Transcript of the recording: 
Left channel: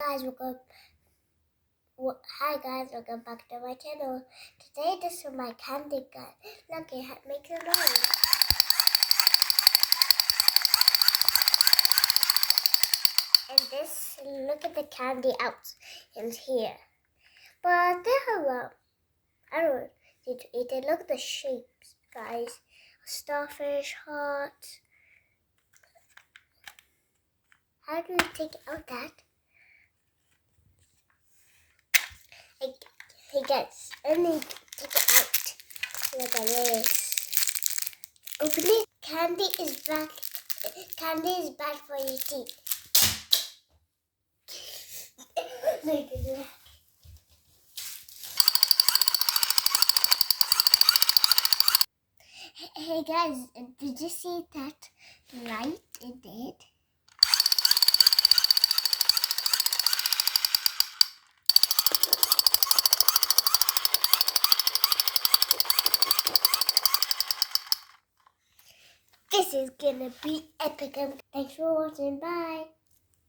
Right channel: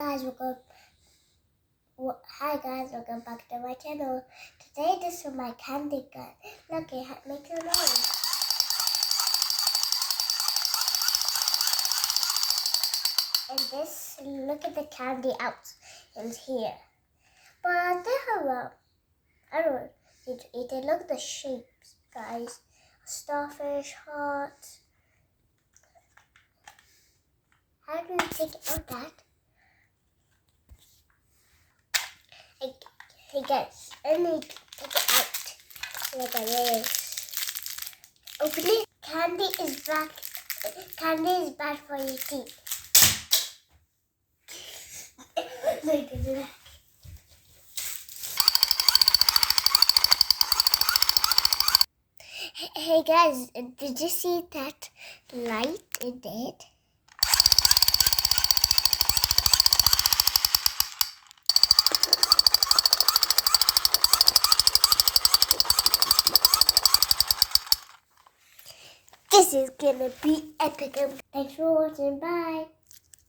Guys, hi guys, welcome back to my channel. Today this is my candy gun. Look, it makes a noise. And this, look at the candy out in here. But I don't know, did you eat it? Look at the shapes, guys. Starfish, heart. How do you take out that? Hey guys, let me take it out. Look at this. Open it. Candy is bad. Candy is bad for your teeth. Look at that. Hey guys, did you see that light it did? This is gonna be epic. Thanks for watching. Bye.